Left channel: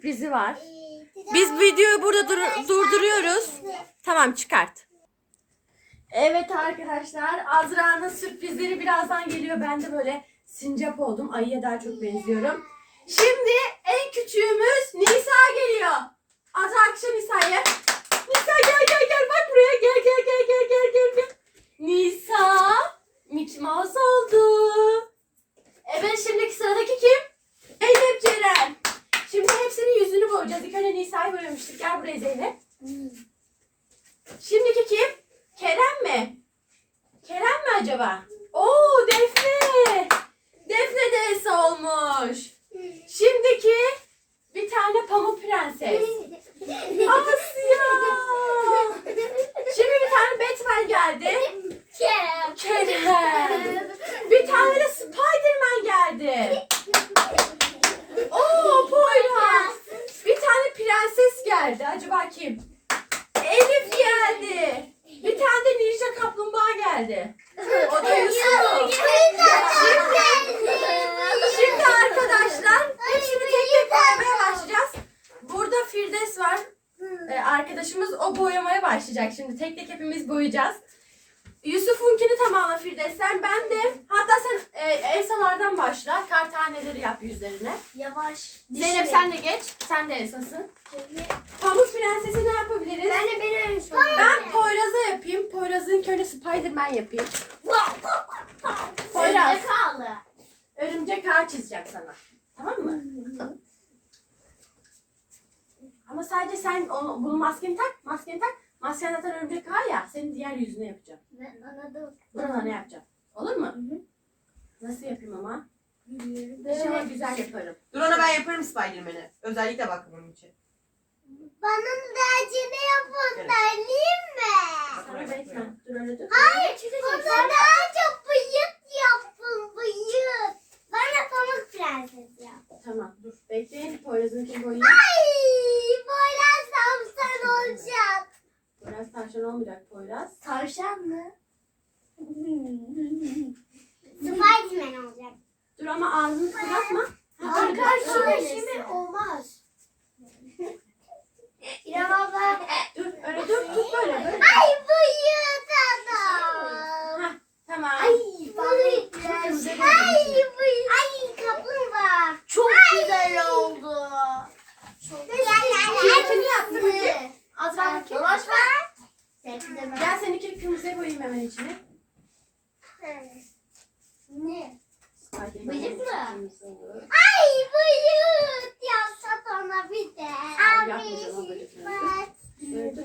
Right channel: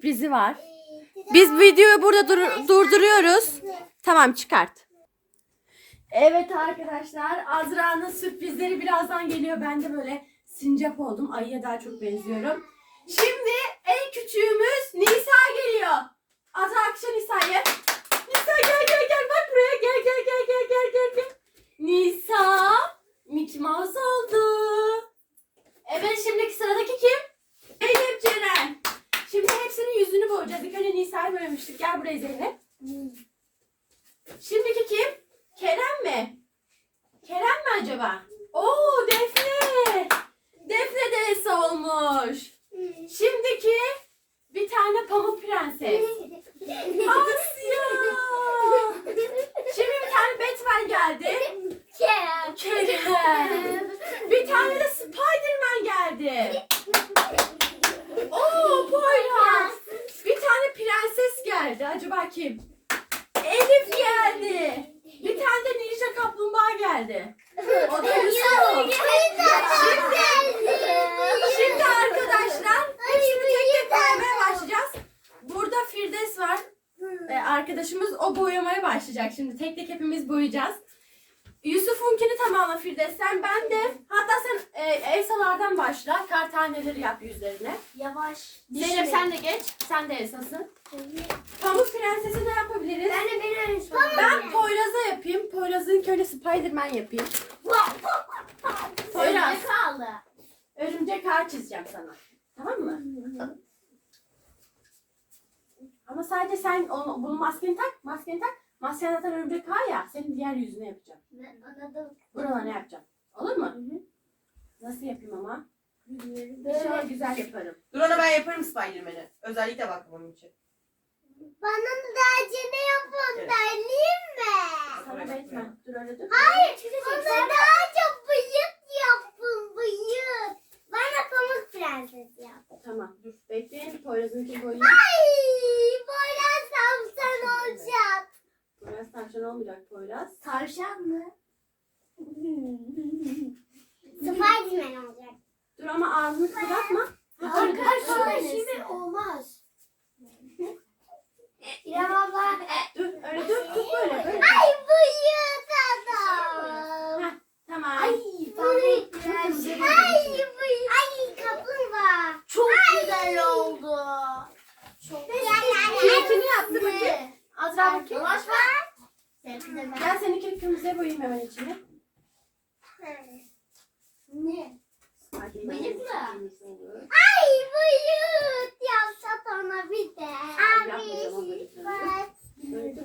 Sürprizi var. Biz videoyu burada dur- durduruyoruz. Tamam çıkart. Evet arkadaşlar Azra'nın sürprizleri birazdan geliyor. Ben de böyle sincap oldum. Ayıya daha çok benziyorum. Şimdi en küçüğümüz Nisa geliyor. Azra akşam Nisa'yı. Nisa gel gel gel bak buraya gel gel gel gel gel gel gel. Nisa Mickey Mouse oldu. Evet şimdiki sıradaki kim? Zeynep Ceren. Şimdi hepsinin yüzünü boyayacağız. İlk önce Nisa'yı boyamıştık. Gel buraya Zeynep. Şimdiki kim? Kerem mi? Kerem mi acaba? Oo Defne. Defne de Esa olmuş. Şimdiki bir tane pamuk prenses. Asya. Şimdi bir tane Batman geldi. Kerem. Bir tane de Spiderman geldi. Oo Poyraz. Bir tane prenses geldi. Acaba kim? Elif geldi. Bir tane de Ninja Kaplumbağa geldi. O da Yusuf. Şimdi arkadaşlar hepsini tek tek boyamaya başlayacağız. Burada Firdevs var. Ee, arkadaşımız o boyamaya başlayacak. Şimdi tek tek hepimiz boyayacağız. Yusuf'unkini tamamla Firdevs. Sen ben de hatta sen e, Elsa'lardan başla. Kar taneleri yap yüzlerine. Yavaş. Zeynep sen de geç. Sen de Elsa'sın. Pamuk Prenses'i ne yapabiliriz? Ben de beni Ben Poyraz'a yapayım. Poyraz'ın öyle Spiderman yapayım. Poyraz. kaldı. Örümcek ağ çizeceğim sana. Tamam mı? Ama sadece sen onu, bunu maskeni tak. Maskeni tak. Masken zaten örümcek ağ ya. Senin diğer yüzünü yapacağım. Ben anladım. Buralarını yapacağım. Olur mu? Nasıl yapayım ama? İnşallah güzel yaparım. Dur ona ben yaparım Spiderman'i. Özellikle bak bunun için. Bana dercini yapın Evet. derleyeyim mi? Sana Batman. Dur öyle dur. Hayır. Bana daha çok bıyık yapın bıyık. Bana pamuk prenses yap. Tamam dur. Bekleyin. Poyraz'ınkini boyayayım. Ay boylarsam sen olacak. Poyraz tavşan olmayacak Poyraz. Tavşan mı? Spiderman olacak. Dur ama ağzını kapatma. Arkadaşlar şimdi olmaz. İrem abla. Dur öyle dur. Dur böyle böyle. Ay bıyık adam. Tamam. Ay. Ay bıyık. Ay kaplumbağa. Çok güzel oldu. Çok Keyfini yaptı Azra bakayım. Ver. Gel seninkini kırmızıya boyayayım hemen içine. Ne? Bıyık mı? Ay bıyık yapsa bana bir de. Böyle dur.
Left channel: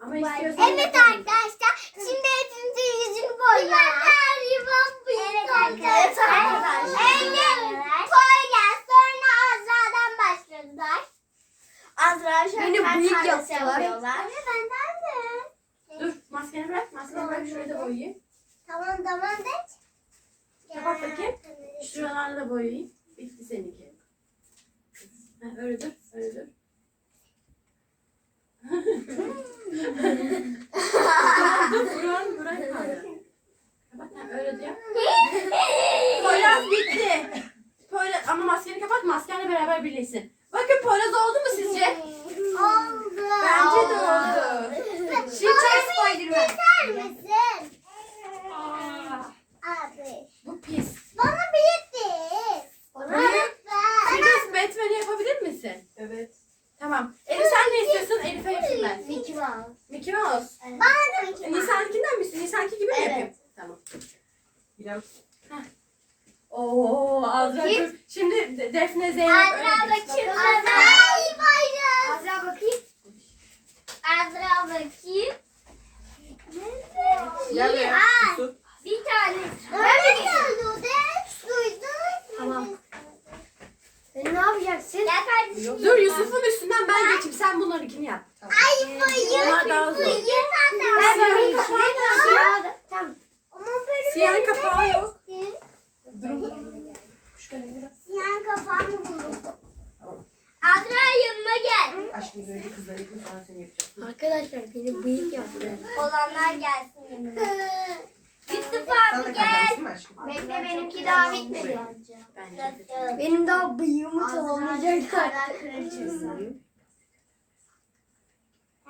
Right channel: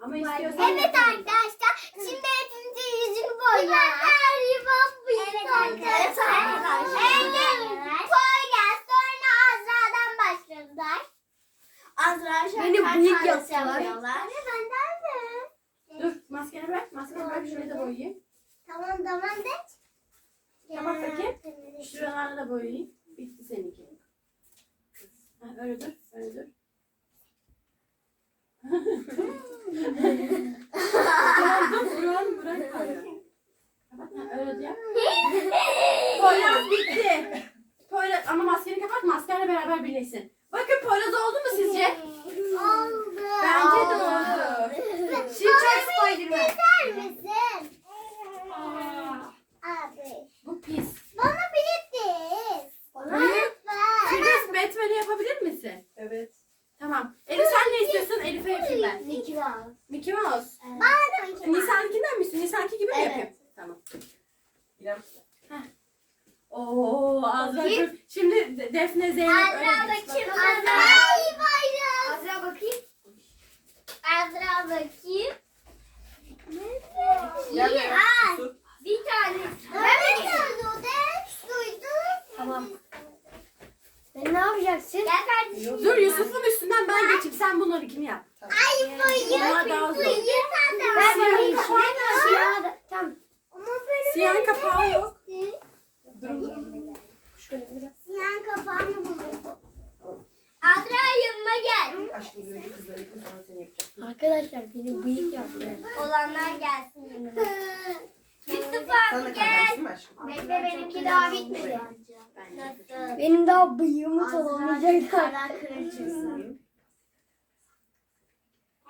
Ama Evet istiyorsan arkadaşlar şimdi hepimizin yüzünü boyuyoruz. Evet bıyık Evet arkadaşlar. Evet. Poyraz sonra Azra'dan başladılar. Azra Beni bıyık yaptılar. Anne benden de. Dur maskeni bırak. Maskeni bırak şurayı da boyayayım. Tamam tamam de. Kapat bakayım. Şuralarını da boyayayım. Bitti seninki. Ha, öyle dur. Öyle dur. tamam dur. Buran, buran kaldı. Kapat. Ha, öyle de yap. Poyraz bitti. Poyraz, ama maskeni kapat. Maskenle beraber birleşsin. Bakın Poyraz oldu mu sizce? Oldu. Bence de oldu. Şimdi çek Spiderman. Keser misin? Aa, Abi. Bu pis. Bana bıyık değil. Bana Bıyık? lütfen. Firdevs Batman'i yapabilir misin? Evet. Tamam. Elif sen ne istiyorsun? Elif'e yapayım ben. Mickey Mouse. Mickey Mouse. Bana da Mickey Mouse. Nisan'ınkinden misin? Nisan'ki gibi mi Evet. yapayım? Tamam. İrem. Oo Azra Bakayım. dur. Şimdi De- Defne Zeynep öyle Azra geç. bakayım. Bak- Azra. Ay bayram. Azra bakayım. Azra bakayım. Gel Bakayım. be. Aa, Yusuf. Bir tane. Ben de oldu de. Duydun. Tamam. Sen ne yapacaksın? Gel kardeşim. Dur Yusuf'un üstünden ben geçeyim. Sen bunlarınkini yap. Ay bıyık. Onlar daha zor. Bıyık adam. Ben Siyahın böyle kapağı nerede? Siyah da. Tamam. Ama benim Siyahın kapağı yok. Siyahın kapağını buldum. Azra yanıma gel. Aşkım önce kızları yıkın sonra seni yapacağım. Arkadaşlar beni bıyık yaptı. Olanlar gelsin yanıma. Yusuf Sana da Hadi kalkarsın gel. mı aşkım? Bekle benimki daha bitmedi. Bence. Benim daha bıyığımı tamamlayacaklar. Kara kraliçesi.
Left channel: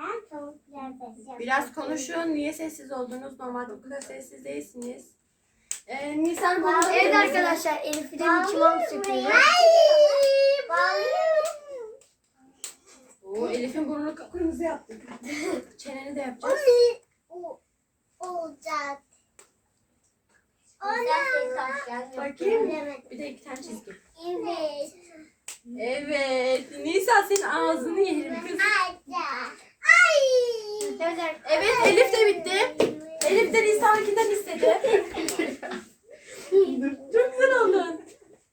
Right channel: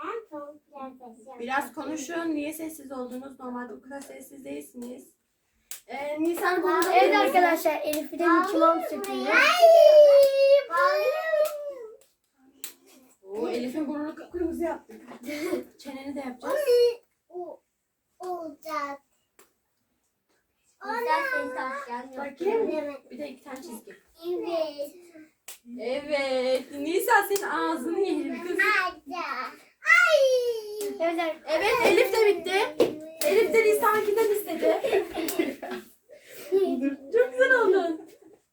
Ben pamuk prensesi. Biraz konuşun. Niye sessiz oldunuz? Normalde bu kadar sessiz değilsiniz. Ee, Nisan bunu Evet arkadaşlar Elif'i de Mickey Mouse yapıyor. Oo, Elif'in burnunu kıpkırmızı yaptık. Çeneni de yapacağız. O olacak. Bakayım. Evet. Bir de iki tane çizgi. Evet. Evet. Nisan senin ağzını yerim kız. Ay. Evet Elif de bitti. Elif de Nisan'ınkinden istedi. Çok güzel oldu.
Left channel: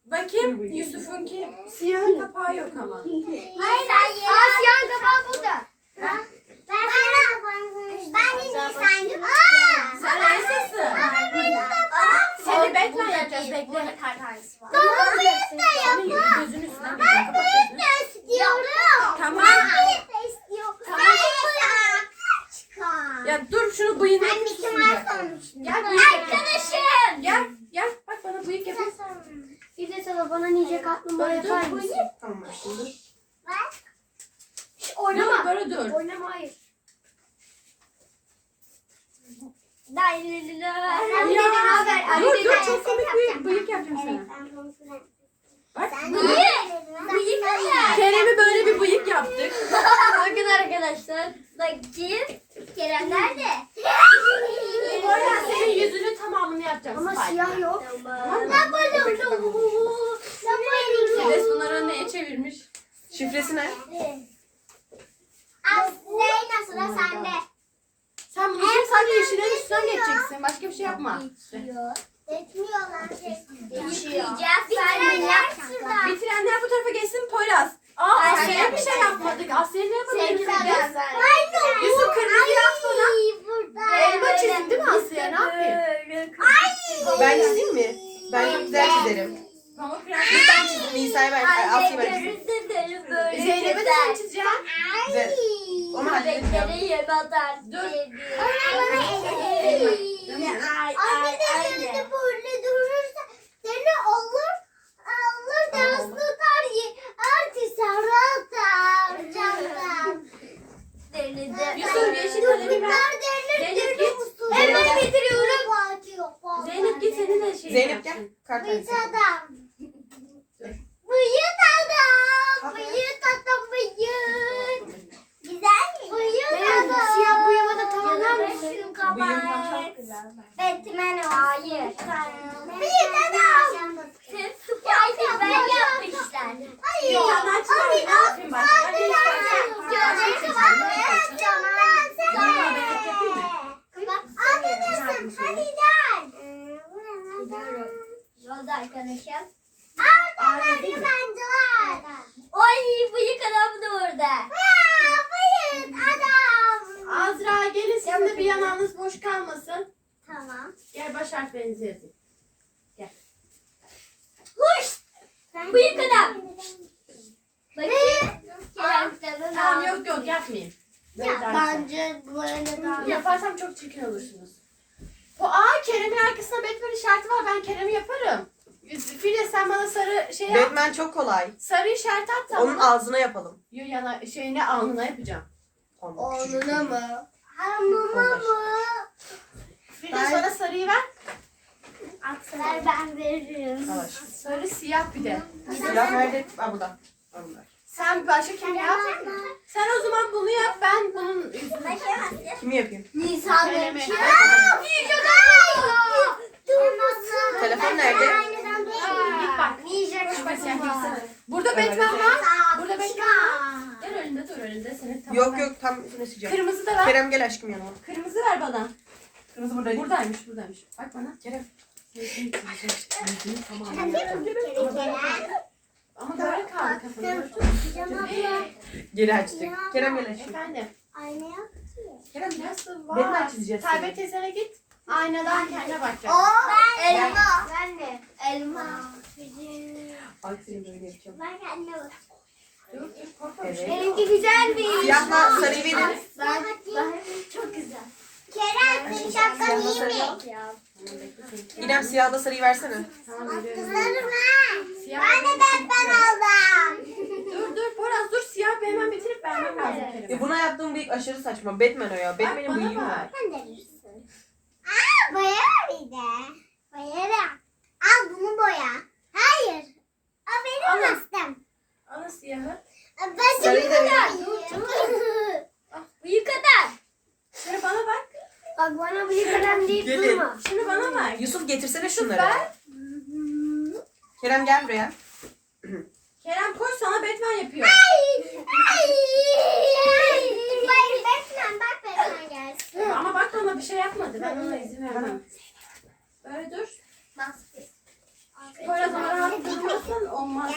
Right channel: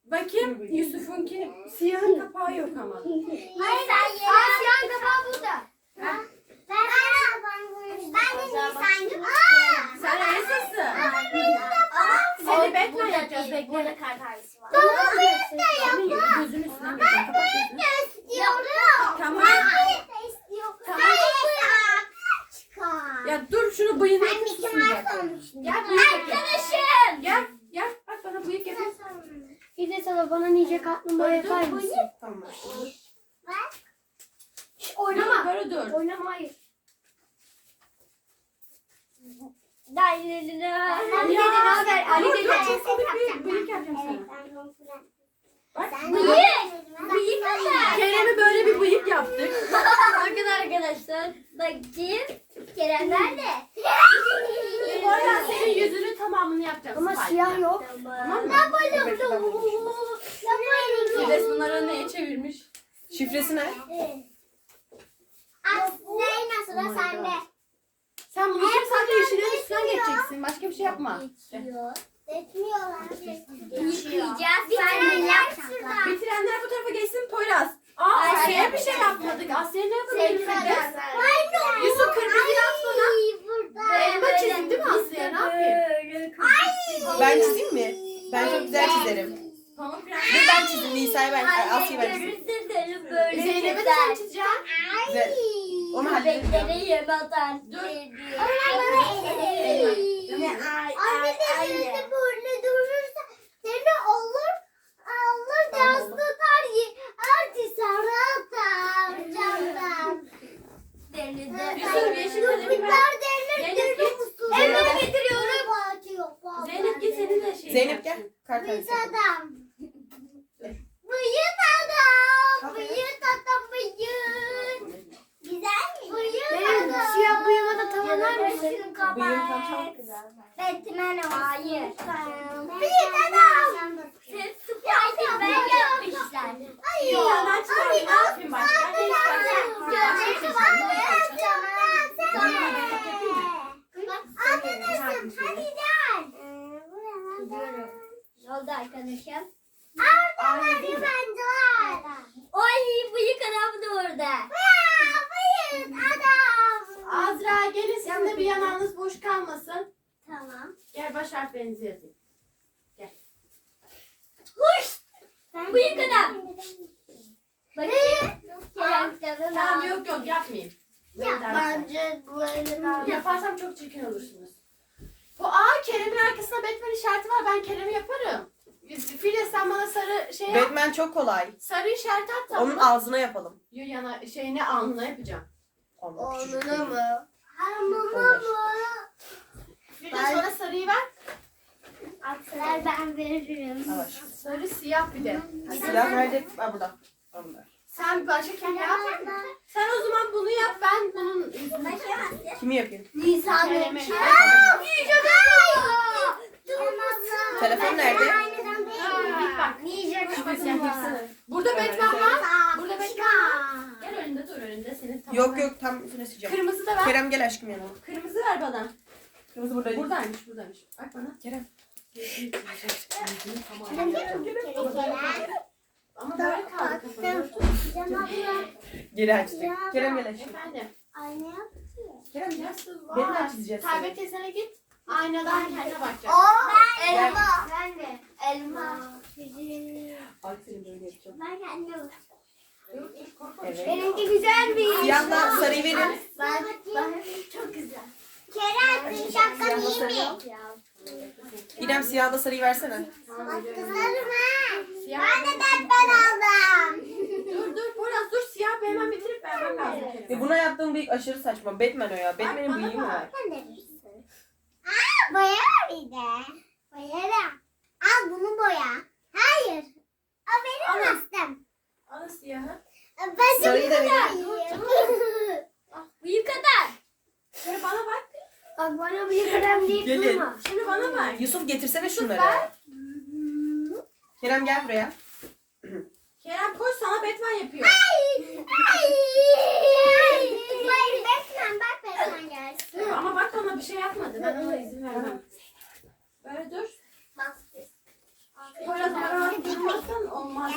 Bakayım Yusuf'unki siyah kapağı yok ama. Hayır hayır. Asyan kapağı burada. Ben ben ben de Nisan'cım. Aa! Sen Elsa'sın. Seni Batman yapacağız bekle. Babamı da Senin gözünün üstüne geçeceğim. Kapat gözünü. istiyorum. Tamam. Ben de istiyorum. Tamam. Hayır. Çıkar. Ya dur şunu bıyığını Ben Mickey susmayacak. Mouse olmuşum. Gel bıyık yapayım. Arkadaşım. Gel gel bak bana bıyık yapayım. Bir de sana bana nice kaplumbağa yapar mısın? Tamam dur. Şş, Oynama. Oynama. Böyle dur. Oynama hayır. Ali dede ne haber? Ali Dur dede. dur çok komik bir bıyık yapacağım sana. Bak Bıyık. Kerem'e böyle bir bıyık yaptık. Bakın arkadaşlar. Bakayım. Kerem nerede? Orhan senin yüzünün tamamını yapacağım. Ama siyah yok. Tamam mı? Napoli. Fides bunları neye çevirmiş? Şifresi ne? Aslında sıra sende. Sen bu işin sadece yeşillerin üstünden geçeceksin. Başka bir şey yapma. De yap şuradan. Bitirenler bu tarafa geçsin Poyraz. Aa Ay, Asya'ya bir şey yapmadık. Asya'ya ne yapalım? Sevgili Fides? Aynen. Yusuf kırmızı yap bana. Burada. Elma çizdim değil mi Asya? Ne yapayım? Ben çizeyim mi? Ben çok güzel çizerim. Pamuk Bir Prenses. ben çizdim. Nisa'yı ben, Asya'yı ben çizdim. Zeynep'e de sen çizeceksin. Güzel. Onu halledelim. Bebekleri yem atar. Dur. Anne de elinde böyle durursa seni olur olur dans tutar ye. Artı sarı atar camdan. Yusuf yeşil kalemi ver. Kurtlar derler Zeynep deli git. musun? Hemen getiriyorum. Fatih yok. Zeynep git senin de şey Zeynep gel. yapsın. Kart Bıyık tanesi. adam. Bıyık adam. Bıyık adam bıyık. Güzel mi? Bıyık Benim adam. siyah bıyığımı da tamamlar mısın? Şunu Bıyığım tam kapat. Çok güzel. Batman o. Hayır. Bıyık adam. Spiderman yapmışlar. Hayır. Bir tane daha çizelim. Abi Ne yapayım başka? abi Ne istersen. Gözleri kapatmayın. Camdan sen Tamam, de. ben yapayım mı? Arkadaşım hadi gel. Yolda arkadaşım. Arda bence. Oy bıyık adam da orada. Bıyık adam. Azra gelin sizin de bir yanağınız boş kalmasın. Tamam. Gel baş harflerinizi yazın. Bıyık adam. Bakayım. Kerem Tamam yok yok yapmayayım. Ya. Bence böyle daha. Yaparsam çok çirkin olursunuz. Bu aa Kerem'in arkasında Batman işareti var. Ben Kerem'i yaparım. Filiz sen bana sarı şey yap. Batman çok kolay. Sarı işaret at tamam. Onun ağzına yapalım. Yo yana şeyine alnına yapacağım. Değil. mı? Hamama mı? Filiz Ben- bana sarıyı ver. Akslar ben veririm. Aşkım. Sarı siyah bir de. Silah nerede? Ha burada. Ha, burada. Sen başka kim yap? Sen o zaman bunu yap. Ben bunun Kimi yapayım? Nisan demiş. Telefon nerede? Git bak. Ninja var. Burada Evet. Batman var. Burada Batman Batman. Gel önünde dur önünde senin tamam. Yok yok tam üstüne sileceğim. Kırmızı da ver. Kerem gel aşkım yanıma. Kırmızı ver bana. Kırmızı burada değil. Buradaymış buradaymış. Bak bana. Kerem. Ama böyle kaldı kafanı. Geri açtık. Kerem gel aşkım. Efendim. Ayna yap. Kerem gel. Nasıl var? çizeceğiz Taybet seni. teyzene git. Aynadan kendine bakacaksın. Ben Elma. elma. Ben de. Elma. Seni böyle yapacağım. Ben kendime bak. Dur, dur, korkma. Evet. Benimki güzelmiş. Siyahla sarıyı verin. Ben, ben çok güzel. Kerem senin şapkan iyi mi? İrem siyahla sarıyı versene. Kızlarım ha. Ben de Batman aldım. Dur dur Poraz dur siyah bir hemen bitirip vermem lazım E Kerem'e. buna yaptığım bıyık aşırı saçma. Batman o ya. Batman'in bana bıyığı bak. var. Sen de verirsin. Aa boya bir de. Boyarım. Al bunu boya. Hayır. O Al. benim. Al siyahı. Ben Sarıyı da vereyim. Bıyık kadar. Şöyle bana bak. Bak bana bıyık kadar deyip Gelin. durma. Şimdi bana bak. Yusuf getirsene ver. şunları. Kerem gel buraya. Kerem koş sana Batman yapıyor. Hayır Batman bak Batman gelsin. Ama bak ona bir şey yapmadı. Ben ona izin vermem. Böyle dur. Poraz ama rahat durmazsan olmaz.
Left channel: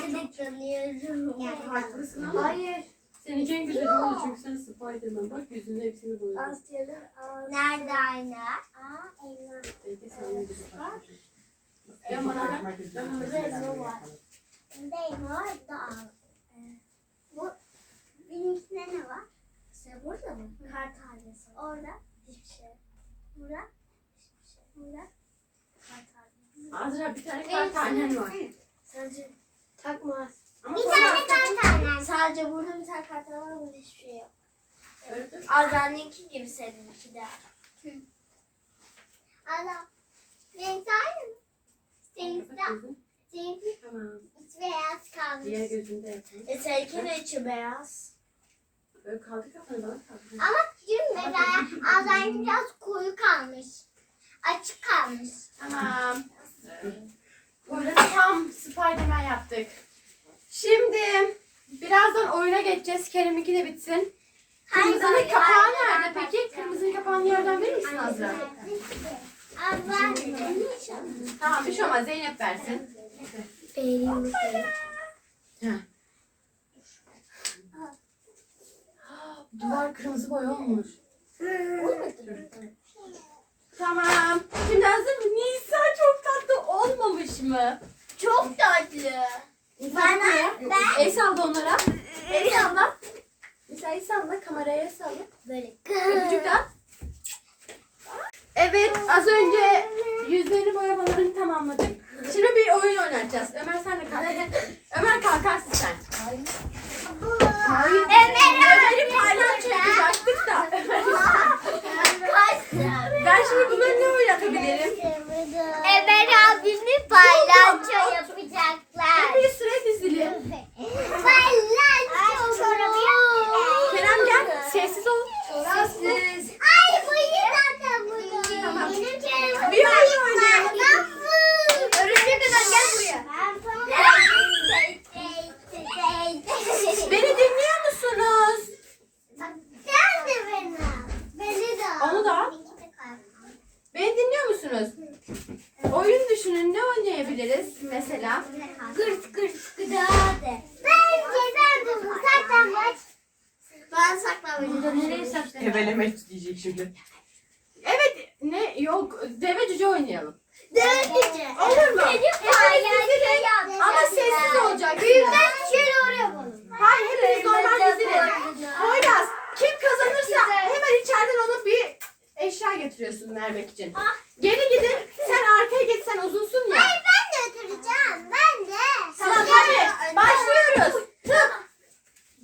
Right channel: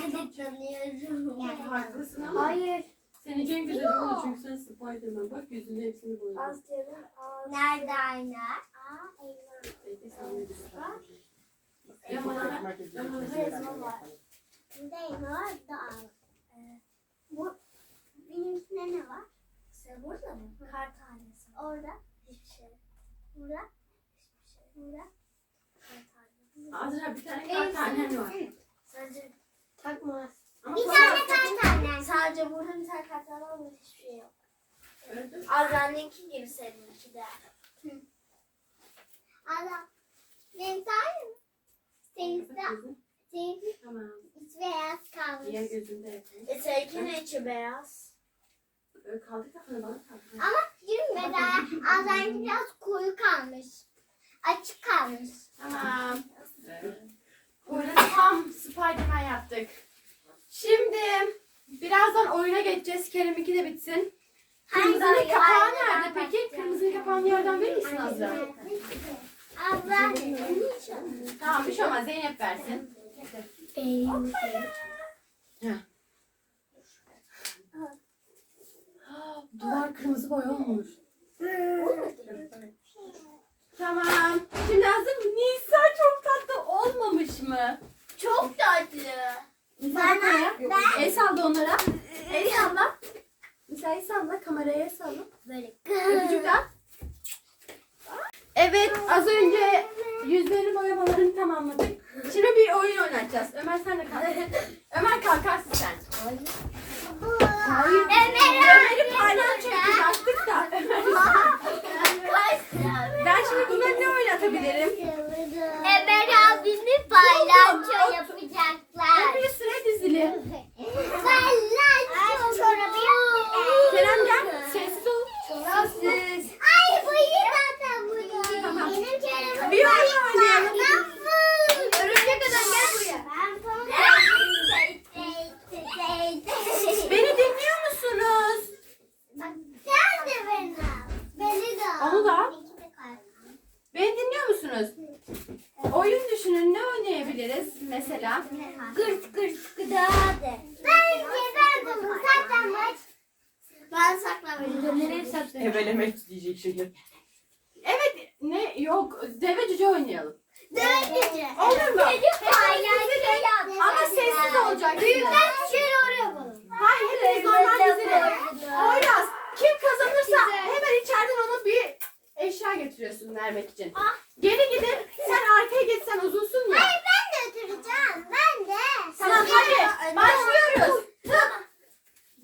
Gel. Haklısın ama. Hayır. Senin için güzel oldu çünkü sen Spiderman bak yüzünün hepsini boyadın. Nerede ayna? Aa elma. Belki sen de güzel bakarsın. Dön bana bak. Dön bana bak. Bunda elma var da al. Ee, Bu benim içinde ne var? İşte burada mı? Kar tanesi. Orada hiçbir şey. Burada hiçbir şey. Burada kar tanesi. Azra bir tane kar tanen var. Sadece takma. Ama Bir tane kar tanesi. Sadece burada bir tane kartal var burada hiçbir şey yok. Öyle dur. Azra'nınki gibi seninki de. Allah. Renk aynı mı? Seninki de, seninki Tamam. iç beyaz kalmış. Diğer gözünde yapalım. E seninki de içi beyaz. Böyle kaldır kafanı bana kaldır. Ama yürü mesela Azra'nınki biraz koyu kalmış. Açık kalmış. Tamam. Böyle tam Spiderman yaptık. Şimdi birazdan oyuna geçeceğiz. Kerem'inki de bitsin. Kırmızının kapağı nerede peki? Kırmızının kapağını yerden verir misin Azra? Azra Tamam bir şey olmaz. Zeynep versin. Duvar kırmızı boy olmuş. Tamam. Şimdi hazır mı? Nisa çok tatlı olmamış mı? Çok tatlı. Bana- ben- El salla onlara. El salla. Nisa el salla. Kameraya salla. Böyle. Öpücük at. Evet az önce yüzlerini boyamalarını tamamladık. Şimdi bir oyun oynayacağız. Ömer sen de kalk. Ömer kalkarsın sen. Hayır. Ömer'i palyaço yapacaktık da. Ben şimdi buna ne oynatabilirim? Ömer abimi palyaço yapacaklar. Bir sıra dizilim. Palyaço. çorabı yok. Kerem gel. Sessiz ol. Sessiz. Ay bu iyi zaten bu. Tamam. Benim Kerem'im Bir oyun oynayalım. Örümcek adam gel buraya. Beni dinliyor musunuz? Sen de beni. Beni de. al. Onu da al. İki de kalp. Beni dinliyor musunuz? Oyun düşünün ne oynayabiliriz mesela? Gırt gırt gıdadı. Bence ben bunu saklanmaç. Ben saklamıyorum. Nereye saklayayım? Ebelemek diyecek şimdi. Evet ne yok deve cüce oynayalım. Dövdüce. Olur mu? Palyaço Ama sessiz olacak. Büyükler şöyle oraya yapalım. Hayır hepimiz normal dizilim. Poyraz kim kazanırsa hemen içeriden ona bir eşya getiriyorsun vermek için. Geri gidin sen arkaya git sen uzunsun ya. Hayır ben de oturacağım. Ben de. Tamam hadi başlıyoruz. Tıp.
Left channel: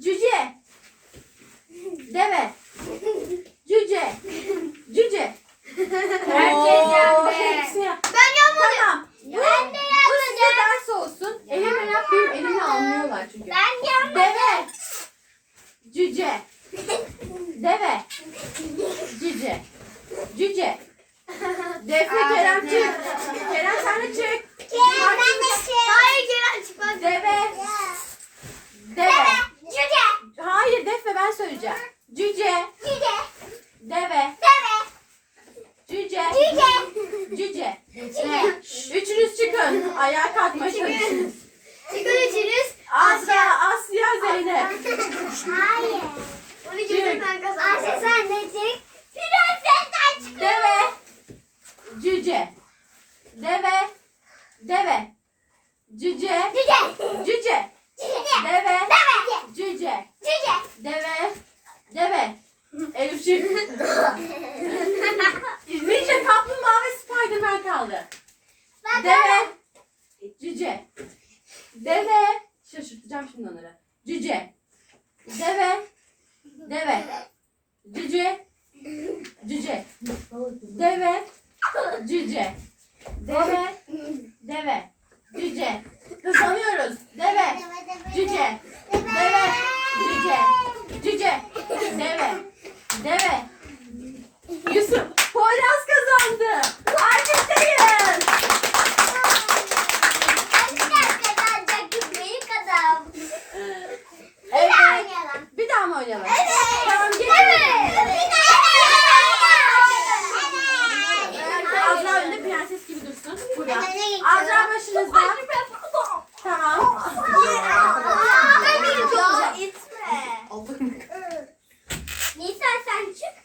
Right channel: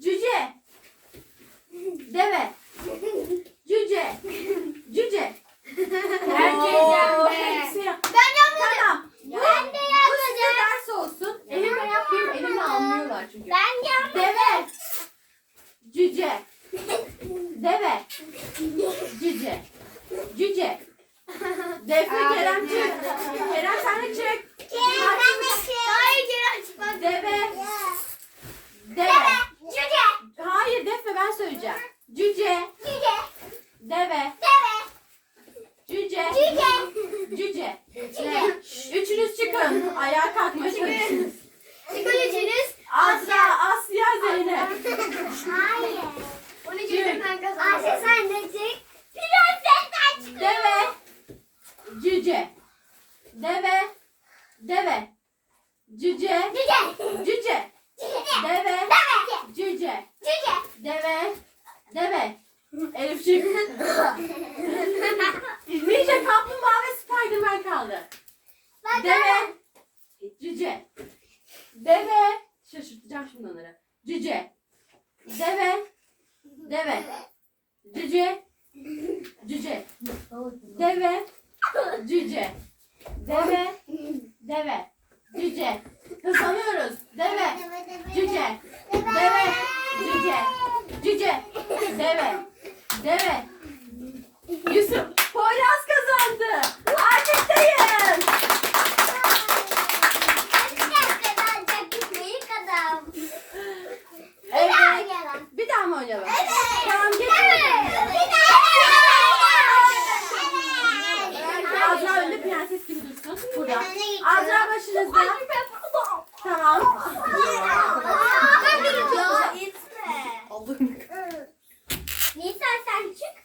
Cüce. Deve. Cüce. Cüce. Herkes Oo, yendi. hepsi yap- Ben yapmadım. Tamam. Ben de Bu size ders olsun. Elimle yap benim elimle anlıyorlar çünkü. Ben yapmadım. Deve. Cüce. Deve. Cüce. Cüce. Defne Kerem çık. Kerem sen de çık. Kerem ben de şey. Hayır Kerem çıkmaz. Deve. Deve. Cüce. Hayır Defne ben söyleyeceğim. Cüce. Cüce. Deve. Deve. Cüce. Cüce. Cüce. Üçünüz çıkın. Ayağa kalkma çalışın. Çıkın üçünüz. Asya, Asya, Zeynep. Hayır. Onu Çık. gidip ben kazandım. Ayşe sen de çık. Prensesten çık. Deve. Cüce. Deve. Deve. Cüce. Cüce. Cüce. Cüce. Deve. Deve. Cüce. Cüce. Deve. Deve. Elif çık. Ninja kaplumbağa ve Spiderman kaldı. Ben Deve. Cüce. Deve. Şaşırtacağım şimdi onları. Cüce. Deve. Deve. Cüce. Cüce. Deve. Cüce. Deve. Deve. Cüce. Hızlanıyoruz. Deve. Cüce. Deve. Cüce. Cüce. Deve. Deve. Yusuf. Poyraz kazandı. Alkışlayın. Evet. Bir daha mı oynayalım? Tamam geçelim. Azra önde prenses gibi Burada. Azra başınızda. Tamam. Ya itme. Nisa sen çık.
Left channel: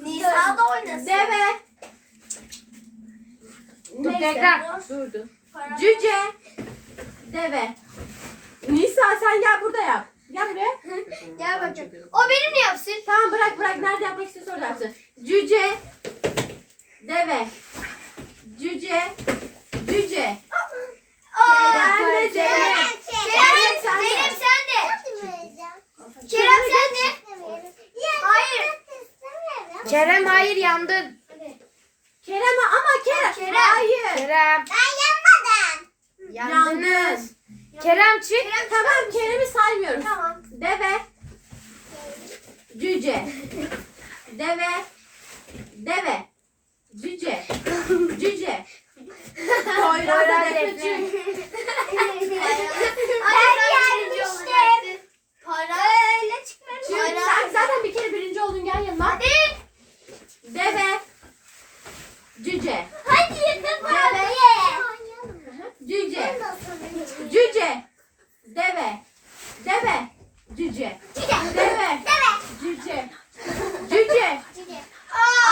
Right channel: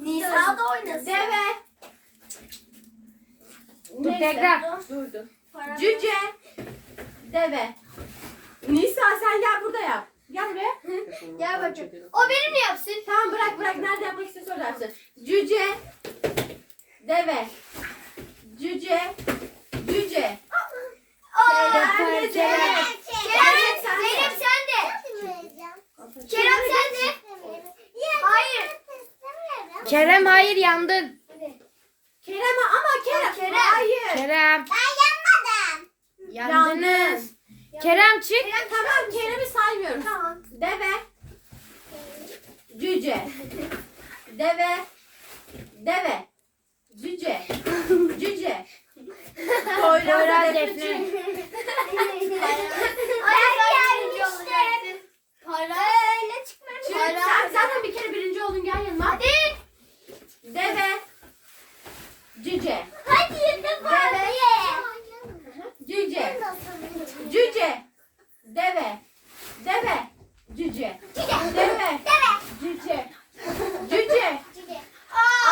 Nisa da oynasın. Deve. Tekrar. Durdu. Cüce. Deve. Nisa sen gel burada yap. Gel buraya. Gel bakayım. O benim yapsın. Tamam bırak bırak. Nerede yapmak istiyorsa orada yapsın. Cüce. Deve. Cüce. Cüce. Kerem. Kerem, Zeynep sen de. Kerem sen de. Hayır. Kerem hayır yandın. Kerem ama Kerem. Kerem. Hayır. Kerem Yalnız. yandınız. Kerem çık. Tamam Kerem'i saymıyoruz. Tamam. Deve. Cüce. Deve. Deve. Cüce. Cüce. Poyraz Defne işte. Para öyle çıkmadı. Çık. Sen zaten bir kere birinci oldun gel yanıma. Hadi. Deve. Cüce. Hadi hadi. Cüce. Cüce. Deve. Deve. Cüce. Deve. Cüce. Cüce.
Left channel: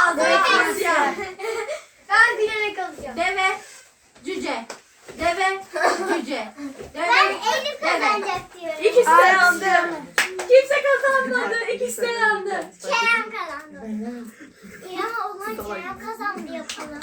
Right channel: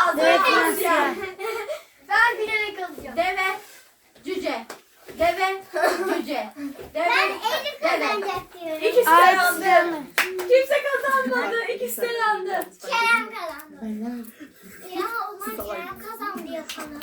Azra Tuzya. Ben bilerek alacağım. Deve. Cüce. Deve. Cüce. Deve. Ben Elif kazanacak diyorum. İkisi de yandı. Kimse kazanmadı. İkisi de yandı. Kerem kazandı. Ya o zaman Kerem kazandı yapalım.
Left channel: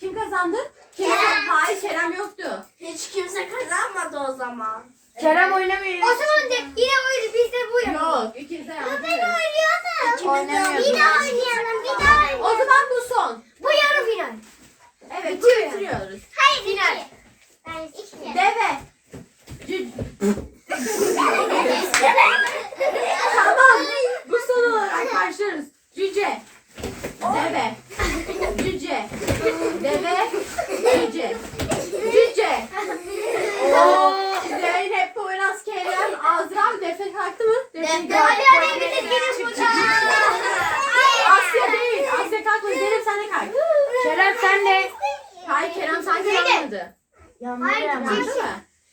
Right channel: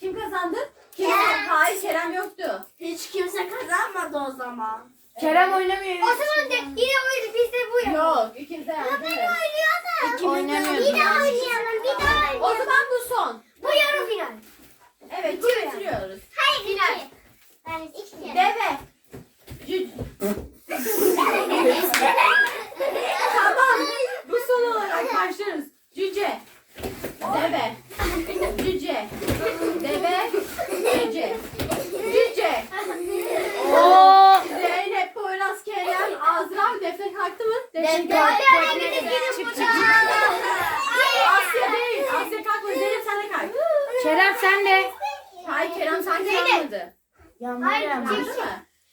Kim kazandı? Kerem. Hayır Kerem yoktu. Hiç kimse kazanmadı o zaman. Kerem oynamıyor. O zaman de yine oyun biz de bu yapalım. Yok. İkiniz de yandı. Ben oynuyordum. İkimiz de Bir daha oynayalım. Bir daha oynayalım. O zaman bu son. Bu yarı final. Evet. Bitiriyoruz. Hayır final. İki kere. Deve. Cü... tamam. Bu son olarak başlıyoruz. Cüce. Deve. Cüce. Deve. Cüce. Cüce. Oo, Zeynep, Poyraz, Kerem, Azra, Defne kalktı mı? Defne kalktı. Hadi hadi gidelim buradan. Asya değil. Asya kalkma. Zeynep sen de kalk. Kerem sen de. Hayır Kerem sanki yanmadı. Hayır, Yandı mı?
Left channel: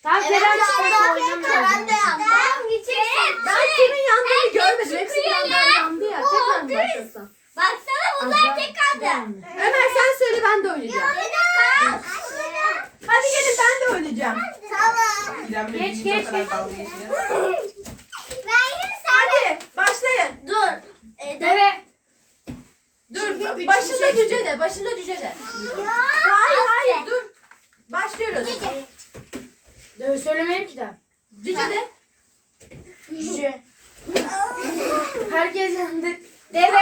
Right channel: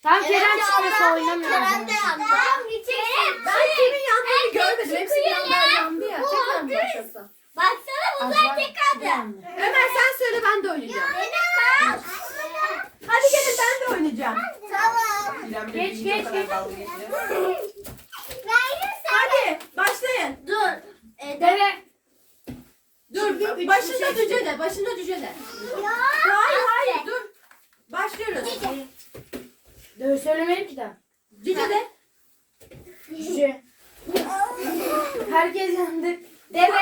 Tamam Kerem çıkarsa oynamıyor. Kerem de yandı. Ben gideceğim. Ben kimin yandığını görmedim. Hepsi yandan yandı ya. Tekrar mı başlasam? Baksana bunlar tek kaldı. Ömer sen söyle ben de oynayacağım. Hadi gelin ben Tamam. Geç, geç, geç. Hadi başlayın. Dur. Deve. Dur başında cüce de. Başında cüce de. Hayır hayır dur. Başlıyoruz. Deve söylemeyin ki daha. Cüce de. Cüce. Herkes yandı. Deve.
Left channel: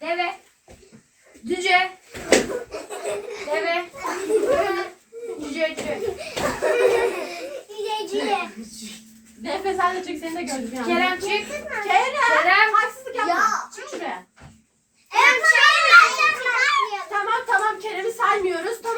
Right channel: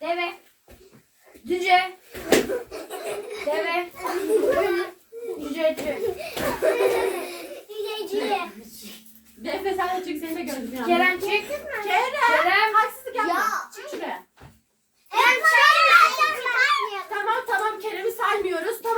Deve. Cüce. Deve. Cüce. Cüce. Cüce. Defne sen de çık seni de gördüm yani. Kerem çık. Kerem. Kerem. Haksızlık yapma. Ya. Çık şuraya. Hem Tamam tamam Kerem'i